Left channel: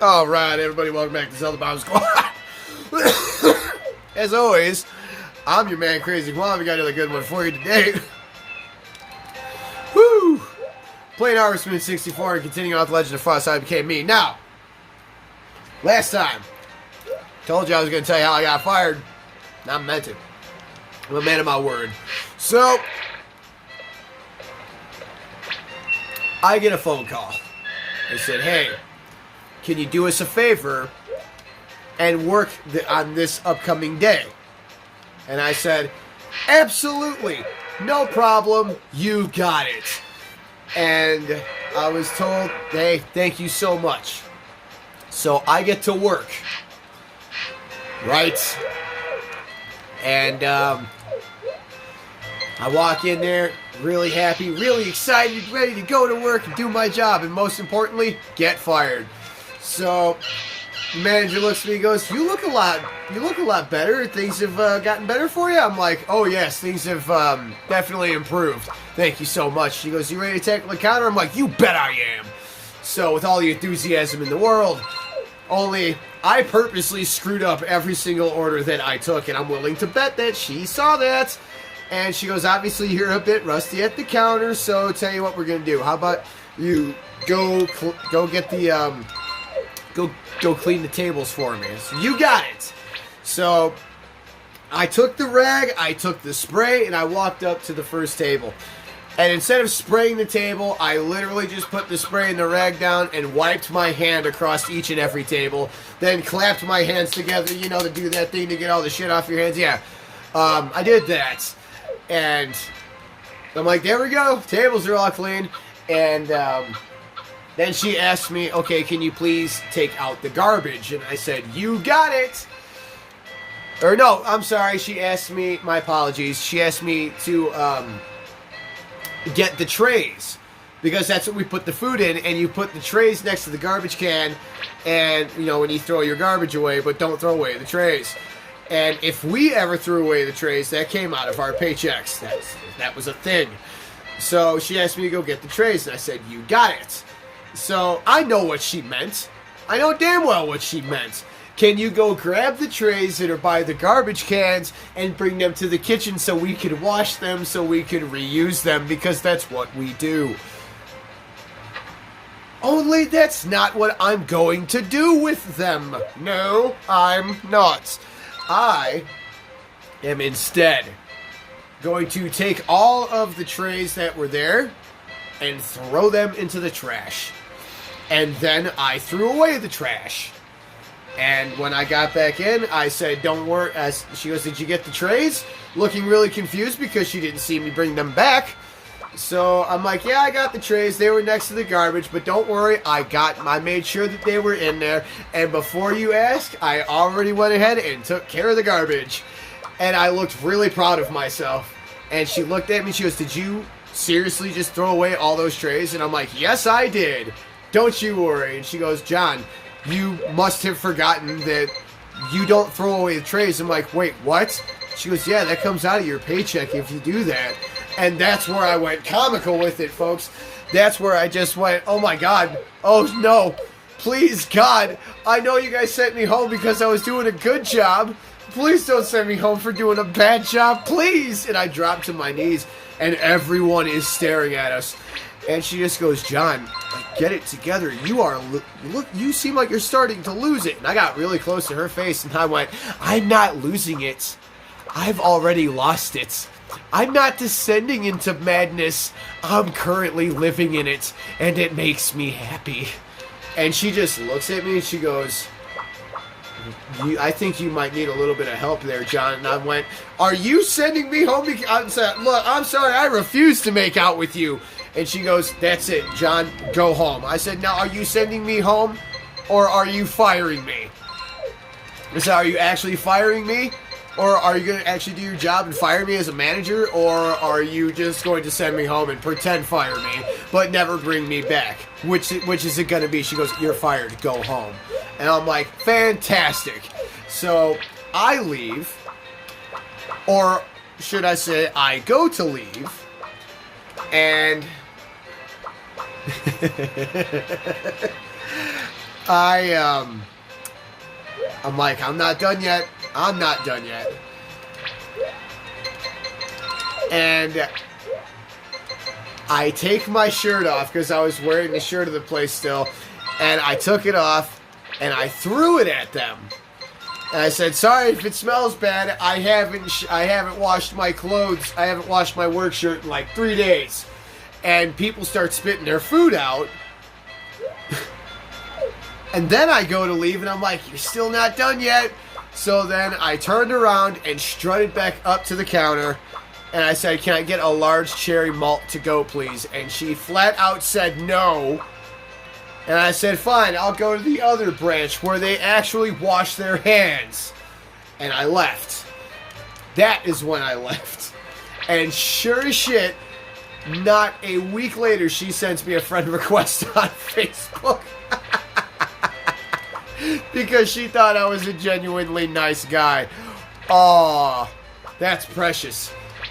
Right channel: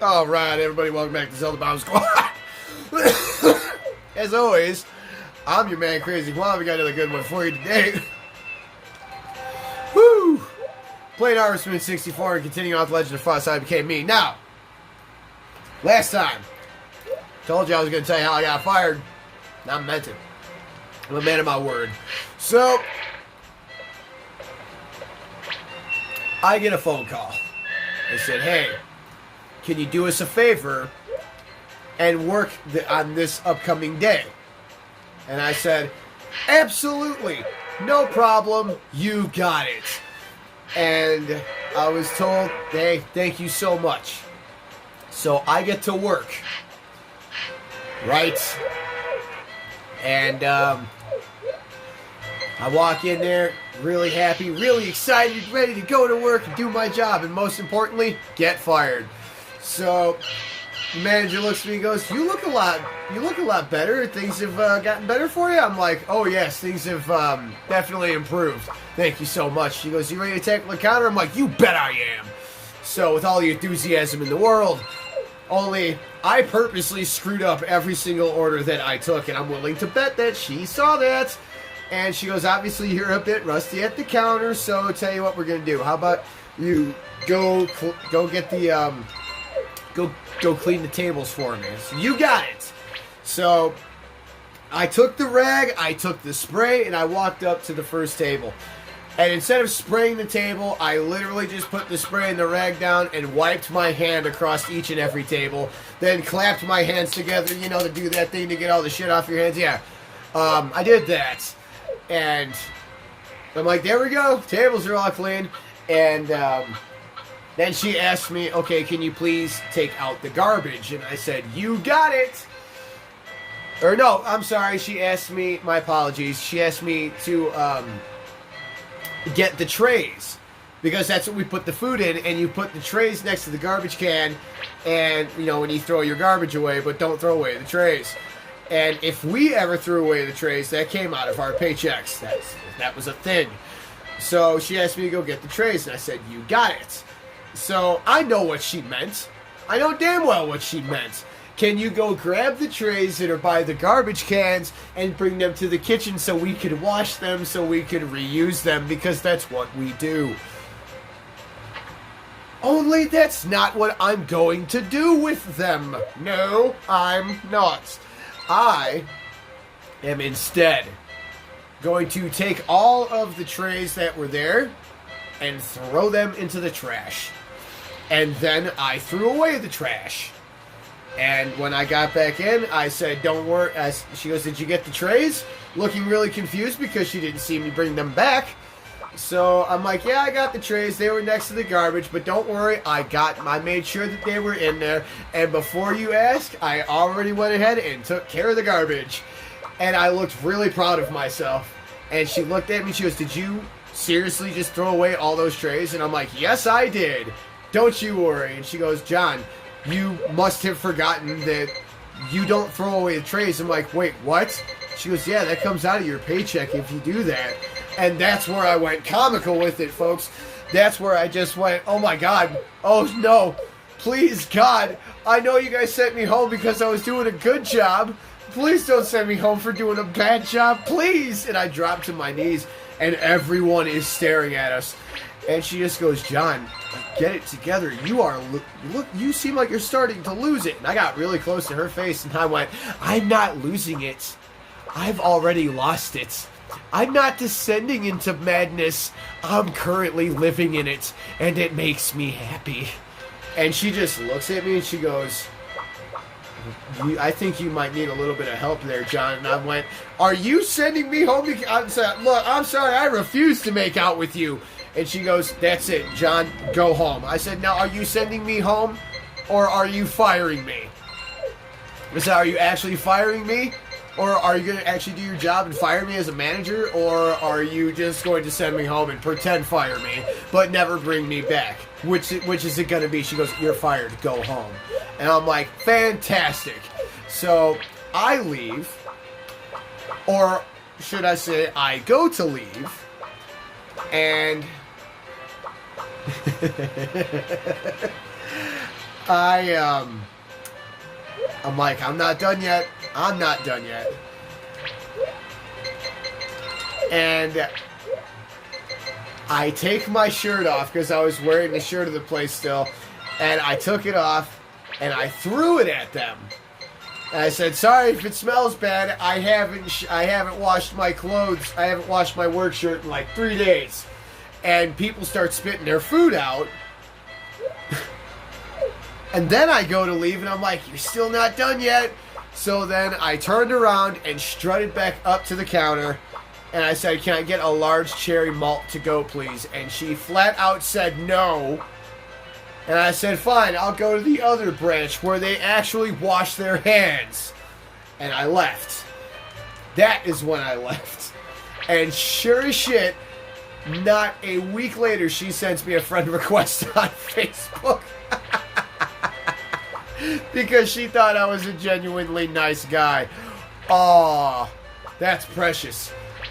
All right, everybody, welcome back to Zelda Bomb Squad. As always, I'm your man, Crazy Juan. We got another good one for you today. Woo! Playing Harvest Moon 64 and continuing on with Legend of Frost, I became me. Now, last time, told you I was going to tell you how I got fired. I meant it. I'm a man of my word. So, I get a phone call. They said, hey, can you do us a favor and work on this upcoming day? And I said, absolutely, no problem, you got it. And I was told, hey, thank you so much. So I get to work, right? And I walk in there really happy, really excited, ready to go to work and do my job, and most importantly, get fired. So the manager looks at me and goes, you look a lot better. Things have gotten better for you? I'm like, oh yes, things have definitely improved. Thank you so much. She goes, you ready to tackle the counter? I'm like, you bet I am. So with all the enthusiasm in the world, only I purposely screwed up every single order that I took, and I'm willing to bet that she saw that. And she goes, obviously you're a bit rusty at the counter, so tell you what we're going to do. How about you go get the, go clean the tables for me. So you got it. So I took the rag, I took the spray, and I walked up to the first table. And instead of spraying the table, I literally just put the spray and the rag down and wiped my hand across each and every table. Then clapped my hands together, you know, to do that thing to get all the shit off your hands. Yeah, I did that. And I'm like, there we go. Tables are all clean. And then she asked me, okay, can you please take out the garbage? And I said, you got it. Or no, I'm sorry. She asked me, my apologies. She asked me to get the trays, because that's what we put the food in, and you put the trays next to the garbage can, and, you know, when you throw your garbage away, but don't throw away the trays. And if we ever threw away the trays, that came out of our paychecks. That was a thing. So she asked me to go get the trays, and I said, you got it. So I know what she meant. I know damn well what she meant. Can you go grab the trays that are by the garbage cans and bring them to the kitchen so we can wash them, so we can reuse them, because that's what we do. Only that's not what I'm going to do with them. No, I'm not. I am instead going to take all of the trays that were there and throw them into the trash. And then I threw away the trash. And when I got back in, I said, don't worry. She goes, did you get the trays? Looking really confused because she didn't see me bring them back. So I'm like, yeah, I got the trays. They were next to the garbage, but don't worry. I made sure that they were in there. And before you ask, I already went ahead and took care of the garbage. And I looked really proud of myself. And she looked at me, she goes, did you seriously just throw away all those trays? And I'm like, yes, I did. Don't you worry. And she goes, John, you must have forgotten that you don't throw away the trays. I'm like, wait, what? She goes, yeah, that comes out of your paycheck if you do that. And that's where I went comical with it, folks. That's where I just went, oh my God, oh no, please God, I know you guys sent me home because I was doing a good job. Please don't send me home for doing a bad job, please. And I dropped to my knees, and everyone is staring at us. And she just goes, John, get it together. You seem like you're starting to lose it. And I got really close to her face, and I went, I'm not losing it. I've already lost it. I'm not descending into madness. I'm currently living in it, and it makes me happy. And she just looks at me, and she goes, I think you might need a little bit of help there, John. And I went, are you sending me home? I'm sorry, I refuse to make out with you. And she goes, that's it, John, go home. I said, now, are you sending me home, or are you firing me? I said, are you actually firing me? Or are you going to actually do your job and fire me as a manager? Or are you just going to send me home and pretend fire me, but never bring me back? Which is it going to be? She goes, you're fired, go home. And I'm like, fantastic. So I leave, or should I say I go to leave, and I'm like, I'm not done yet. I'm not done yet. And I take my shirt off because I was wearing the shirt of the place still, and I took it off and I threw it at them. And I said, "Sorry if it smells bad. I haven't washed my clothes. I haven't washed my work shirt in like 3 days." And people start spitting their food out. And then I go to leave, and I'm like, "You're still not done yet." So then I turned around and strutted back up to the counter, and I said, "Can I get a large cherry malt to go, please?" And she flat out said no. And I said, "Fine, I'll go to the other branch where they actually wash their hands." And I left. That is when I left. And sure as shit, not a week later, she sends me a friend request on Facebook. Because she thought I was a genuinely nice guy. Aw, that's precious.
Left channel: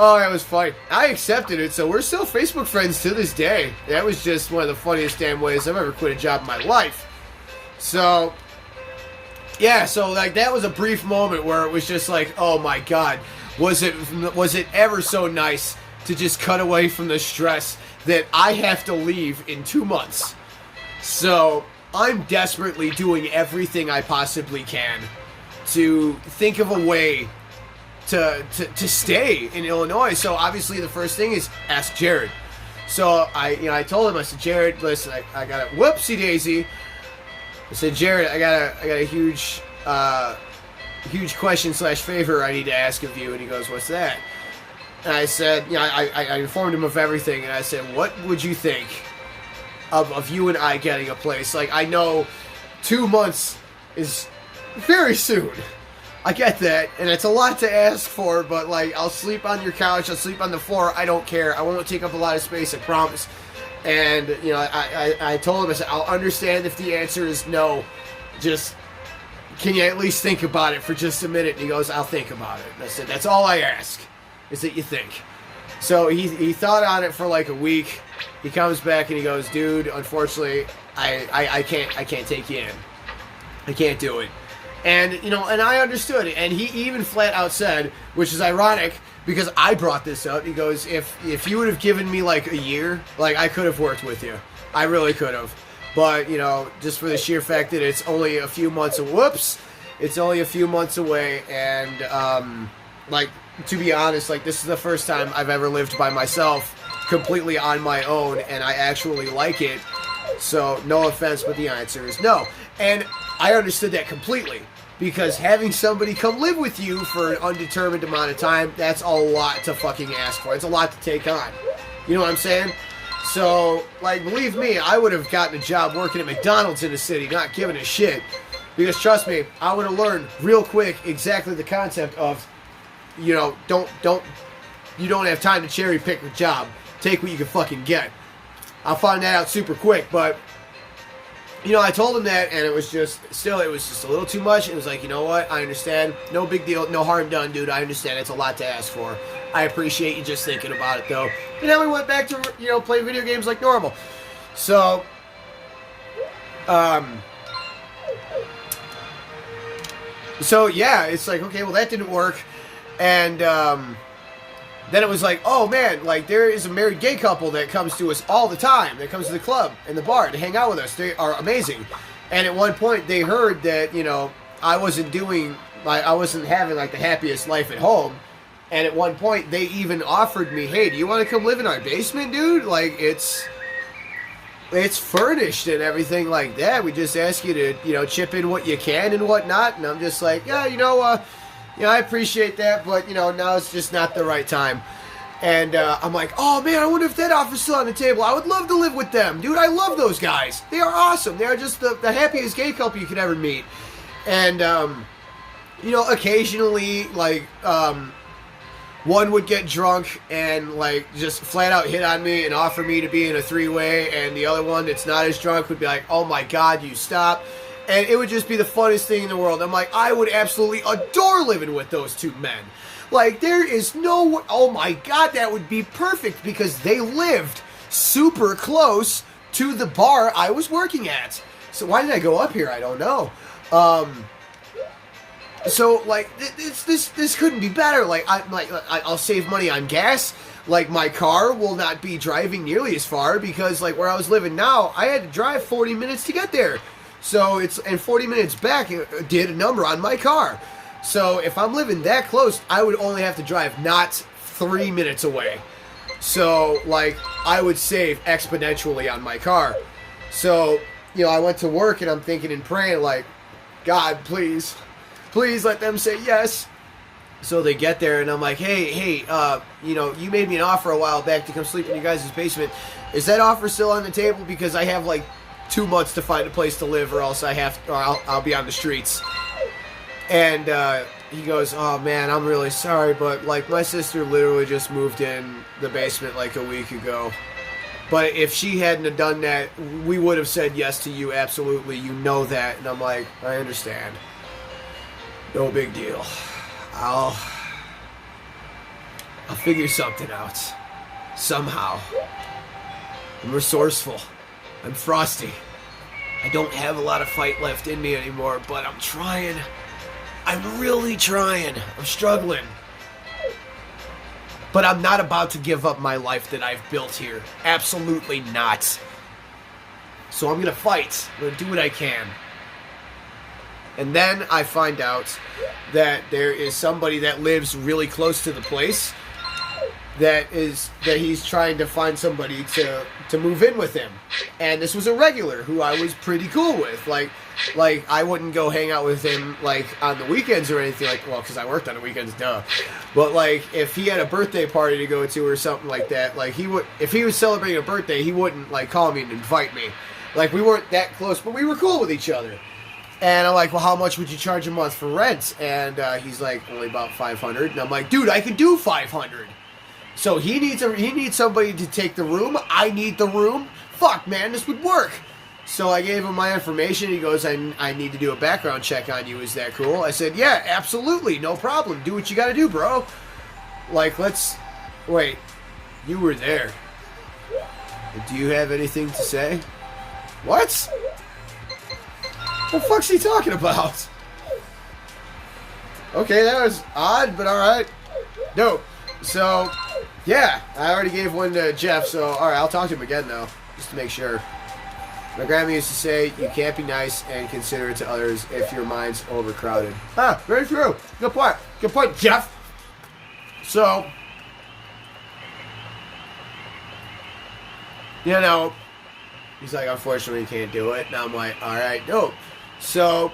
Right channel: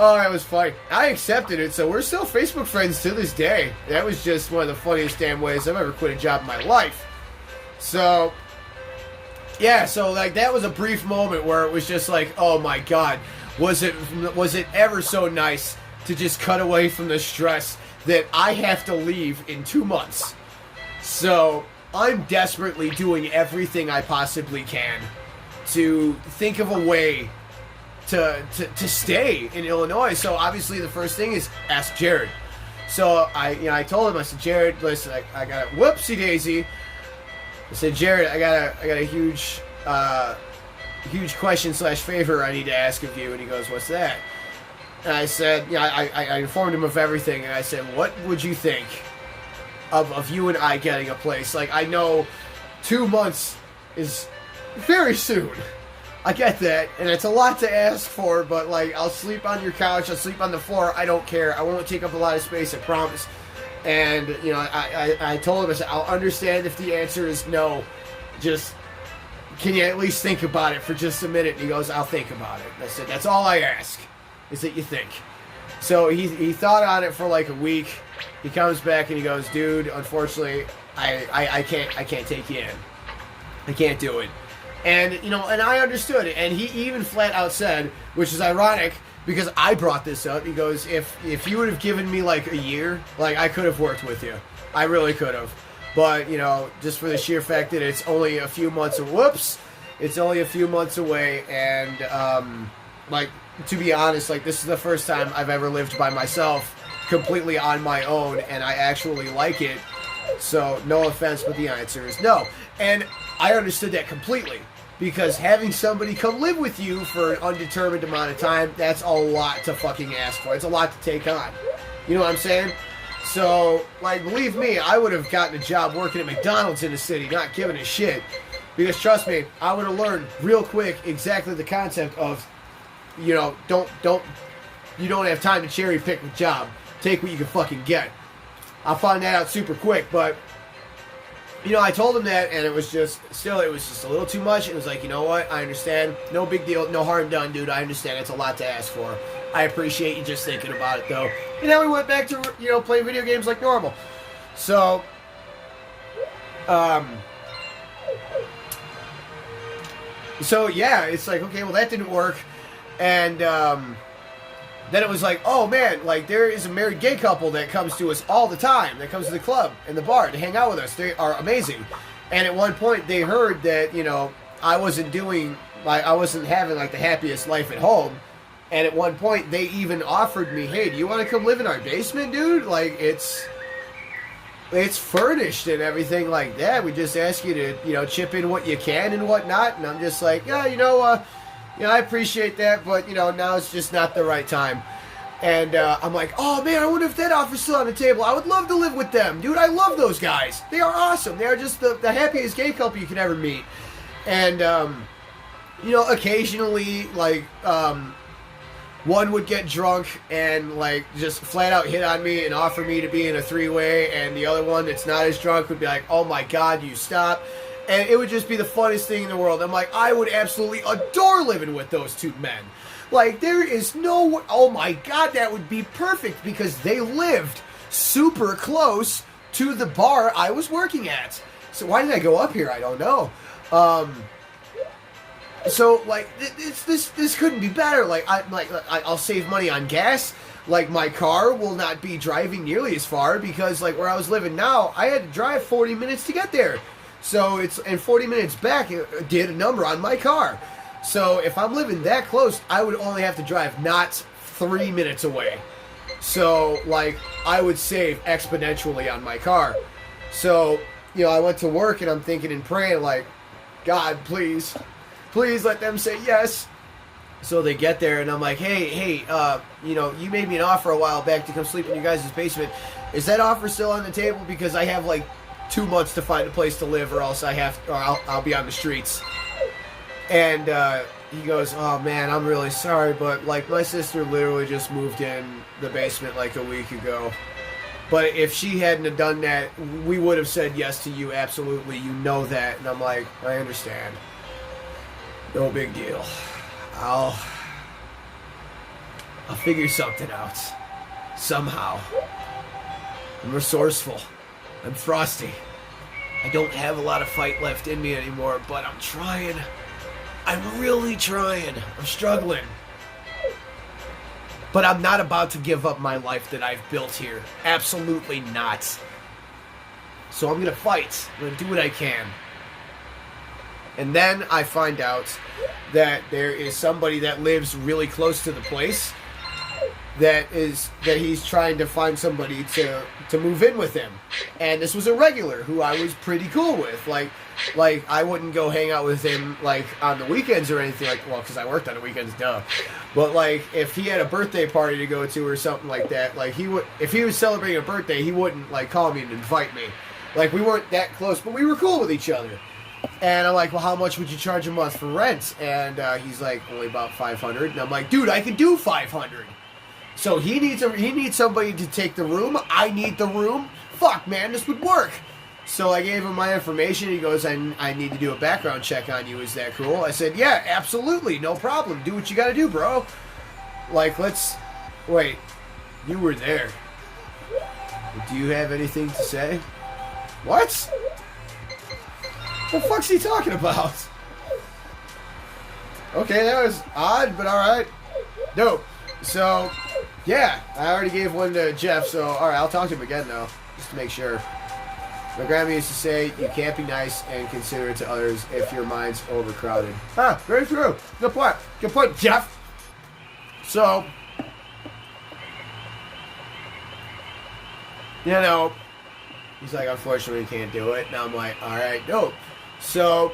Oh, that was funny. I accepted it, so we're still Facebook friends to this day. That was just one of the funniest damn ways I've ever quit a job in my life. So, yeah, so like that was a brief moment where it was just like, oh my God, was it ever so nice to just cut away from the stress that I have to leave in 2 months. So I'm desperately doing everything I possibly can to think of a way to stay in Illinois. So obviously the first thing is ask Jared. So I told him, I said, "Jared, listen, I got a whoopsie daisy." I said, "Jared, I got a huge question / favor I need to ask of you." And he goes, "What's that?" And I said, I informed him of everything, and I said, "What would you think of you and I getting a place? Like, I know 2 months is very soon. I get that, and it's a lot to ask for, but, like, I'll sleep on your couch, I'll sleep on the floor, I don't care. I won't take up a lot of space, I promise." And, I told him, I said, "I'll understand if the answer is no. Just, can you at least think about it for just a minute?" And he goes, "I'll think about it." And I said, "That's all I ask, is that you think." So he thought on it for like a week. He comes back and he goes, "Dude, unfortunately, I can't take you in. I can't do it." And, and I understood it. And he even flat out said, which is ironic because I brought this up, he goes, if you would have given me like a year, like I could have worked with you. I really could have. But, just for the sheer fact that it's only a few months it's only a few months away. And, to be honest, this is the first time I've ever lived by myself, completely on my own, and I actually like it. So, no offense, but the answer is no. And I understood that completely, because having somebody come live with you for an undetermined amount of time, that's a lot to fucking ask for. It's a lot to take on. You know what I'm saying? So, believe me, I would have gotten a job working at McDonald's in the city, not giving a shit. Because trust me, I would have learned real quick exactly the concept of, you don't have time to cherry pick a job. Take what you can fucking get. I'll find that out super quick, but I told him that, and it was just a little too much. It was like, you know what? I understand. No big deal. No harm done, dude. I understand. It's a lot to ask for. I appreciate you just thinking about it, though. And then we went back to, playing video games like normal. So, yeah, it's like, okay, well, that didn't work. And, then it was like, oh man, there is a married gay couple that comes to us all the time, that comes to the club and the bar to hang out with us. They are amazing. And at one point they heard that, I wasn't having the happiest life at home. And at one point they even offered me, "Hey, do you want to come live in our basement, dude? It's furnished and everything like that. We just ask you to, chip in what you can and whatnot." And I'm just like, yeah, I appreciate that, but, now it's just not the right time. And I'm like, oh, man, I wonder if that offer's still on the table. I would love to live with them. Dude, I love those guys. They are awesome. They are just the happiest gay couple you could ever meet. And, occasionally, one would get drunk and, just flat out hit on me and offer me to be in a three-way, and the other one that's not as drunk would be like, "Oh, my God, you stop." And it would just be the funniest thing in the world. I'm like, I would absolutely adore living with those two men. There is no... Oh my God, that would be perfect, because they lived super close to the bar I was working at. So why did I go up here? I don't know. So like this couldn't be better. Like I'll save money on gas. Like my car will not be driving nearly as far because like where I was living now, I had to drive 40 minutes to get there. So it's and 40 minutes back it did a number on my car. So if I'm living that close, I would only have to drive not 3 minutes away. So like I would save exponentially on my car. So you know I went to work and I'm thinking and praying like, God, please let them say yes. So they get there and I'm like, hey, you know, you made me an offer a while back to come sleep in your guys' basement. Is that offer still on the table? Because I have like 2 months to find a place to live, or else I'll be on the streets. And he goes, oh man, I'm really sorry, but like my sister literally just moved in the basement like a week ago. But if she hadn't have done that, we would have said yes to you, absolutely. You know that. And I'm like, I understand. No big deal. I'll figure something out. Somehow. I'm resourceful. I'm frosty. I don't have a lot of fight left in me anymore, but I'm trying. I'm really trying. I'm struggling. But I'm not about to give up my life that I've built here. Absolutely not. So I'm going to fight. I'm going to do what I can. And then I find out that there is somebody that lives really close to the place that he's trying to find somebody to move in with him. And this was a regular who I was pretty cool with. Like I wouldn't go hang out with him like on the weekends or anything like, well, because I worked on the weekends, duh. But like if he had a birthday party to go to or something like that, like if he was celebrating a birthday, he wouldn't like call me and invite me. Like we weren't that close, but we were cool with each other. And I'm like, well, how much would you charge a month for rent? And he's like, only about $500. And I'm like, dude, I can do $500. So he needs somebody to take the room. I need the room. Fuck, man, this would work. So I gave him my information. He goes, I need to do a background check on you. Is that cool? I said, yeah, absolutely, no problem. Do what you got to do, bro. Like, wait, you were there. Do you have anything to say? What? What the fuck's he talking about? Okay, that was odd, but alright. No. So, yeah, I already gave one to Jeff, so alright, I'll talk to him again now, just to make sure. My grandma used to say, you can't be nice and considerate to others if your mind's overcrowded. Ah, very true. Good point. Good point, Jeff. So, you know, he's like, unfortunately, you can't do it. And I'm like, alright, no. So,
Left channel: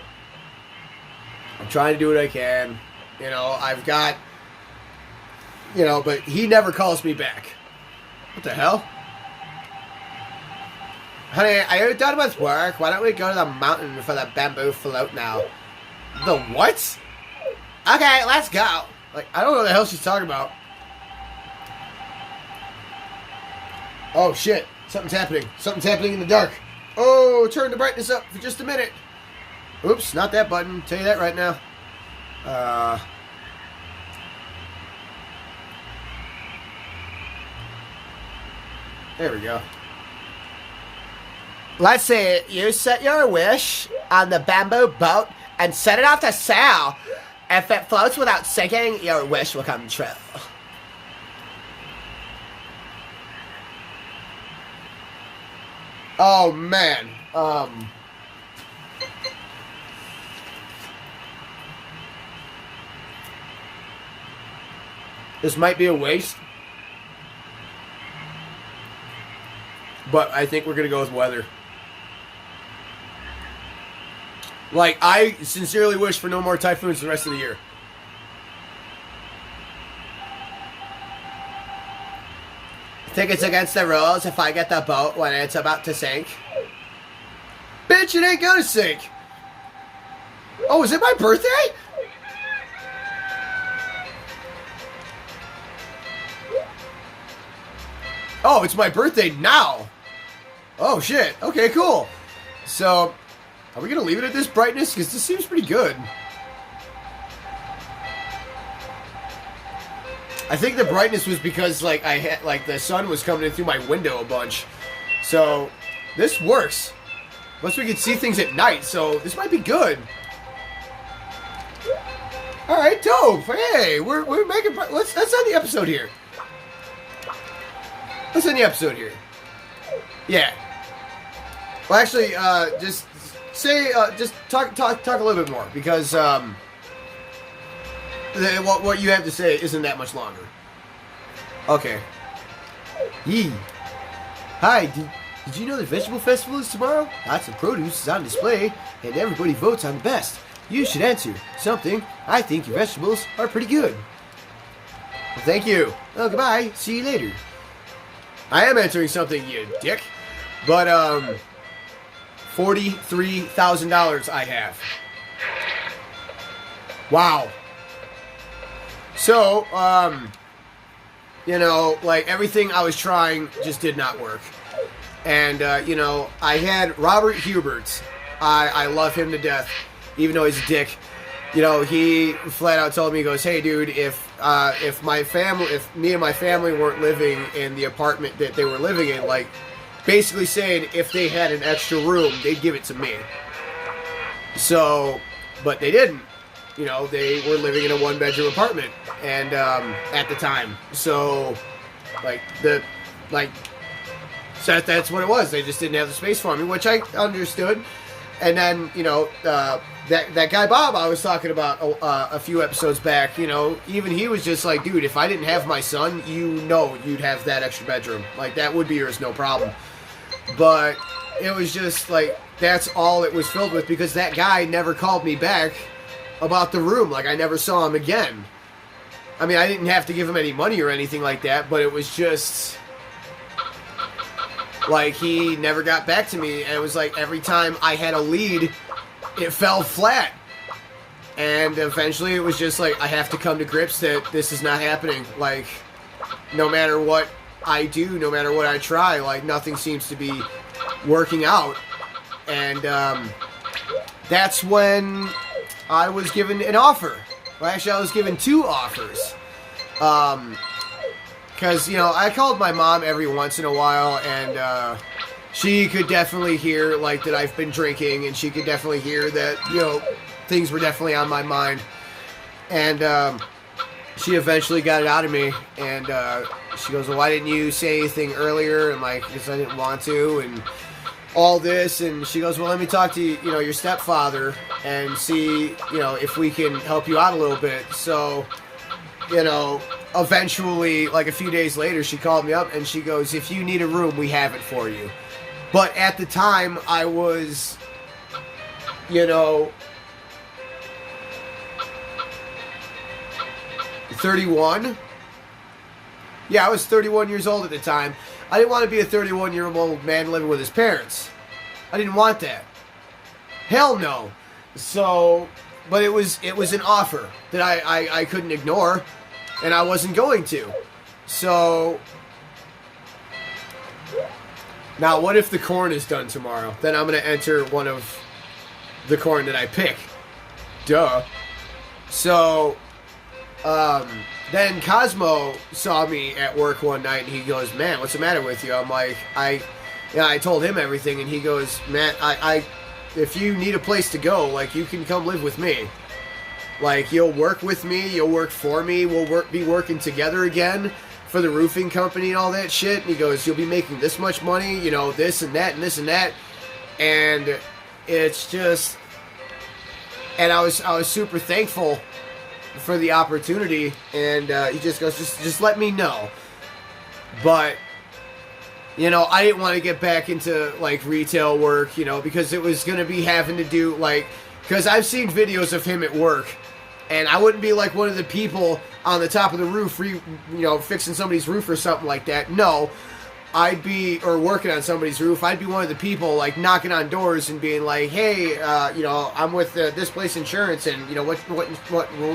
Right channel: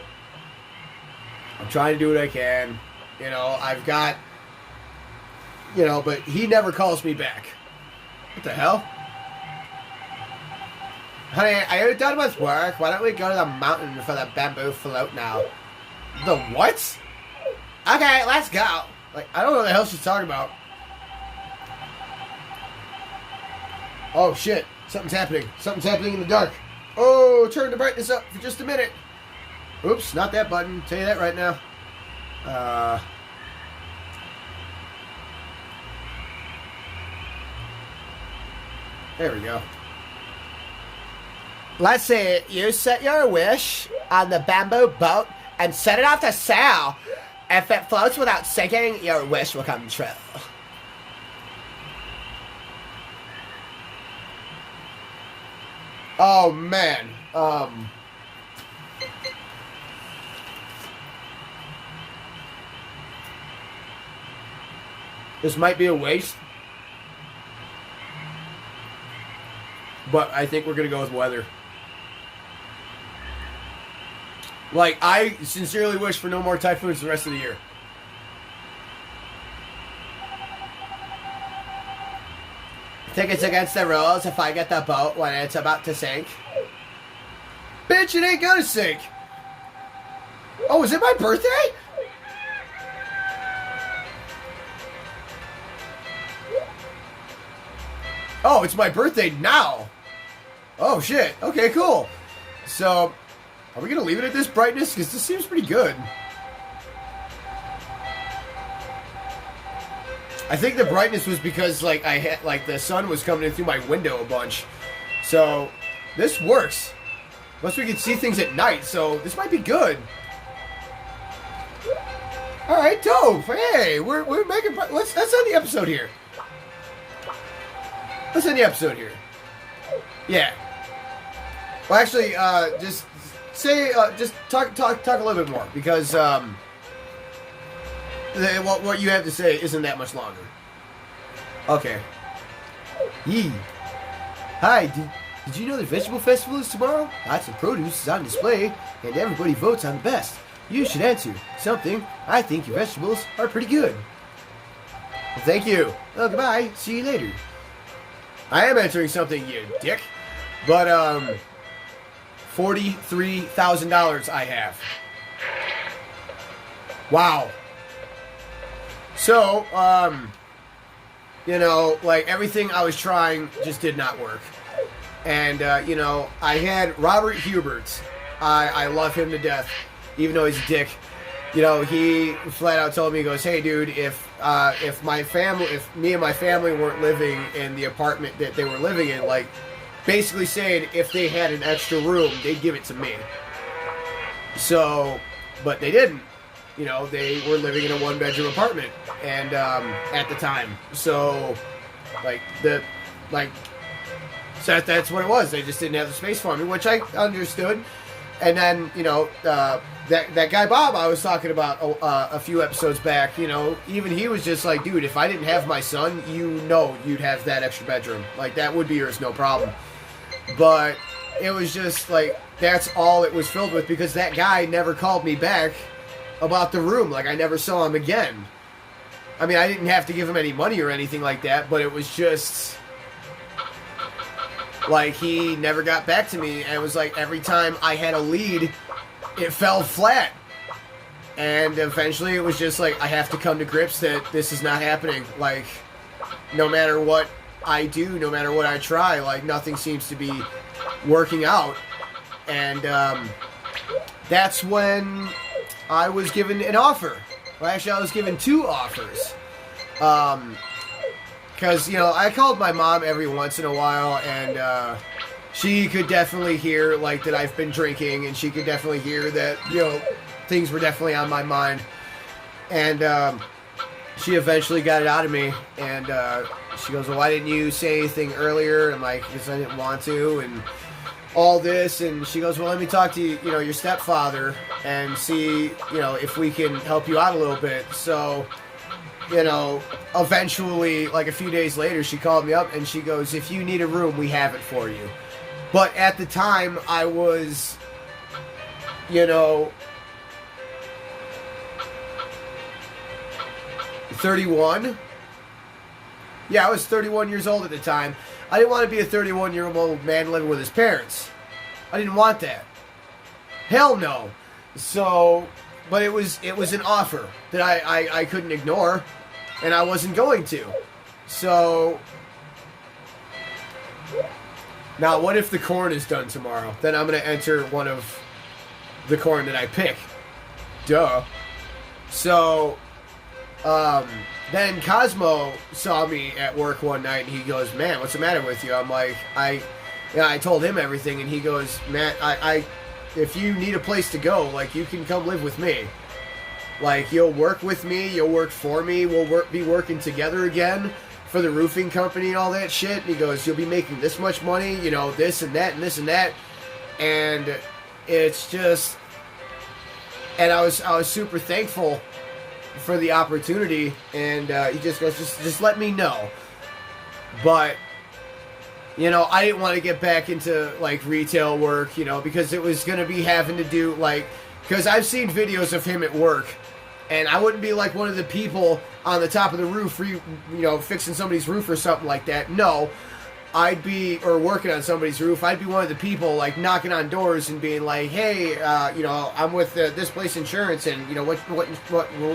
I'm trying to do what I can. You know, I've got, you know, but he never calls me back. What the hell? Honey, are you done with work? Why don't we go to the mountain for the bamboo float now? The what? Okay, let's go. Like, I don't know what the hell she's talking about. Oh, shit. Something's happening. Something's happening in the dark. Oh, turn the brightness up for just a minute. Oops, not that button. Tell you that right now. There we go. Let's see. You set your wish on the bamboo boat and set it off to sail. If it floats without sinking, your wish will come true. Oh, man. This might be a waste. But I think we're going to go with weather. Like, I sincerely wish for no more typhoons the rest of the year. I think it's against the rules if I get the boat when it's about to sink. Bitch, it ain't gonna sink. Oh, is it my birthday? Oh, it's my birthday now. Oh, shit. Okay, cool. So, are we going to leave it at this brightness? Because this seems pretty good. I think the brightness was because, like, I had, like, the sun was coming in through my window a bunch. So, this works. Plus we can see things at night, so this might be good. All right, dope. Hey, we're making. Let's end the episode here. Let's end the episode here. Yeah. Well, actually, just say, just talk a little bit more, because what you have to say isn't that much longer. Okay. Yee. Hi. Did you know the vegetable festival is tomorrow? Lots of produce is on display, and everybody votes on the best. You should answer something. I think your vegetables are pretty good. Well, thank you. Well, goodbye. See you later. I am answering something, you dick. But, $43,000 I have. Wow. So, you know, like, everything I was trying just did not work. And, you know, I had Robert Hubert. I love him to death, even though he's a dick. You know, he flat out told me, he goes, hey, dude, if me and my family weren't living in the apartment that they were living in, like, basically saying if they had an extra room, they'd give it to me. So, but they didn't. You know, they were living in a one-bedroom apartment, and at the time, so so that's what it was. They just didn't have the space for me, which I understood. And then, you know, that guy Bob I was talking about a few episodes back, you know, even he was just like, dude, if I didn't have my son, you know, you'd have that extra bedroom. Like, that would be yours, no problem. But it was just like, that's all it was filled with, because that guy never called me back about the room. Like, I never saw him again. I mean, I didn't have to give him any money or anything like that, but it was just like, he never got back to me. And it was like, every time I had a lead, it fell flat. And eventually it was just like, I have to come to grips that this is not happening. Like, no matter what I do, no matter what I try, like, nothing seems to be working out. And that's when I was given an offer. Well, actually, I was given two offers. Because, you know, I called my mom every once in a while, and she could definitely hear, like, that I've been drinking, and she could definitely hear that, you know, things were definitely on my mind. And she eventually got it out of me, and she goes, well, why didn't you say anything earlier? And, like, because I didn't want to, and all this. And she goes, well, let me talk to you know, your stepfather and see, you know, if we can help you out a little bit. So, you know, eventually, like a few days later, she called me up and she goes, if you need a room, we have it for you. But at the time, I was, you know, 31. Yeah, I was 31 years old at the time. I didn't want to be a 31-year-old man living with his parents. I didn't want that. Hell no. So, but it was an offer that I couldn't ignore, and I wasn't going to. So, now what if the corn is done tomorrow? Then I'm going to enter one of the corn that I pick. Duh. So, then Cosmo saw me at work one night, and he goes, man, what's the matter with you? I'm like, I told him everything, and he goes, man, if you need a place to go, like, you can come live with me. Like, you'll work with me, you'll work for me, we'll be working together again for the roofing company and all that shit. And he goes, you'll be making this much money, you know, this and that and this and that. And it's just, and I was super thankful for the opportunity, and he just goes, just let me know. But, you know, I didn't want to get back into, like, retail work, you know, because it was going to be having to do, like, because I've seen videos of him at work, and I wouldn't be, like, one of the people on the top of the roof, you know, fixing somebody's roof or something like that. No, I'd be, or working on somebody's roof, I'd be one of the people, like, knocking on doors and being like, hey, you know, I'm with This Place Insurance, and, you know, what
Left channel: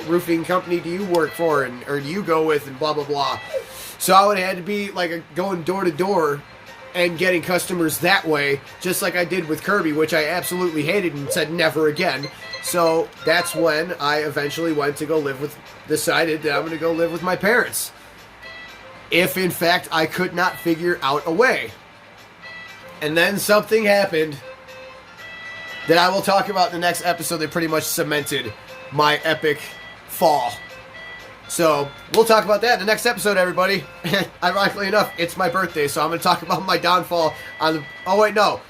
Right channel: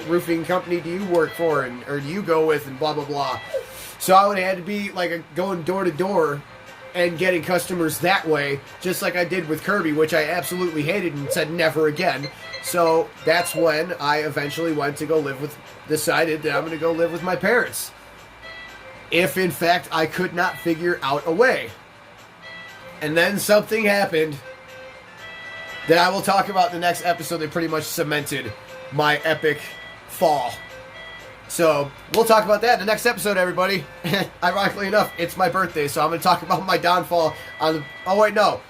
roofing company do you work for, and or do you go with, and blah, blah, blah. So I would have had to be, like, going door to door and getting customers that way, just like I did with Kirby, which I absolutely hated and said never again. So that's when I eventually went to go live with, decided that I'm going to go live with my parents, if in fact I could not figure out a way. And then something happened that I will talk about in the next episode that pretty much cemented my epic fall. So, we'll talk about that in the next episode, everybody. Ironically enough, it's my birthday, so I'm going to talk about my downfall on the... Oh, wait, no.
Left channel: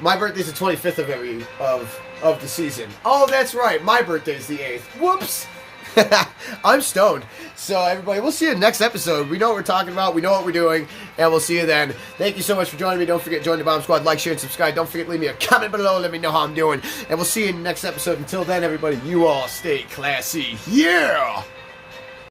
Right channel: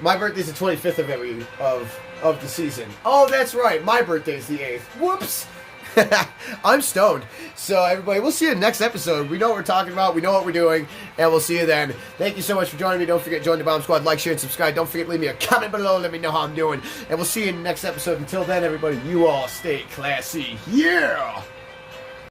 My birthday's the 25th of the season. Oh, that's right. My birthday's the 8th. Whoops. I'm stoned. So, everybody, we'll see you in the next episode. We know what we're talking about. We know what we're doing. And we'll see you then. Thank you so much for joining me. Don't forget to join the Bomb Squad. Like, share, and subscribe. Don't forget to leave me a comment below. Let me know how I'm doing. And we'll see you in the next episode. Until then, everybody, you all stay classy. Yeah!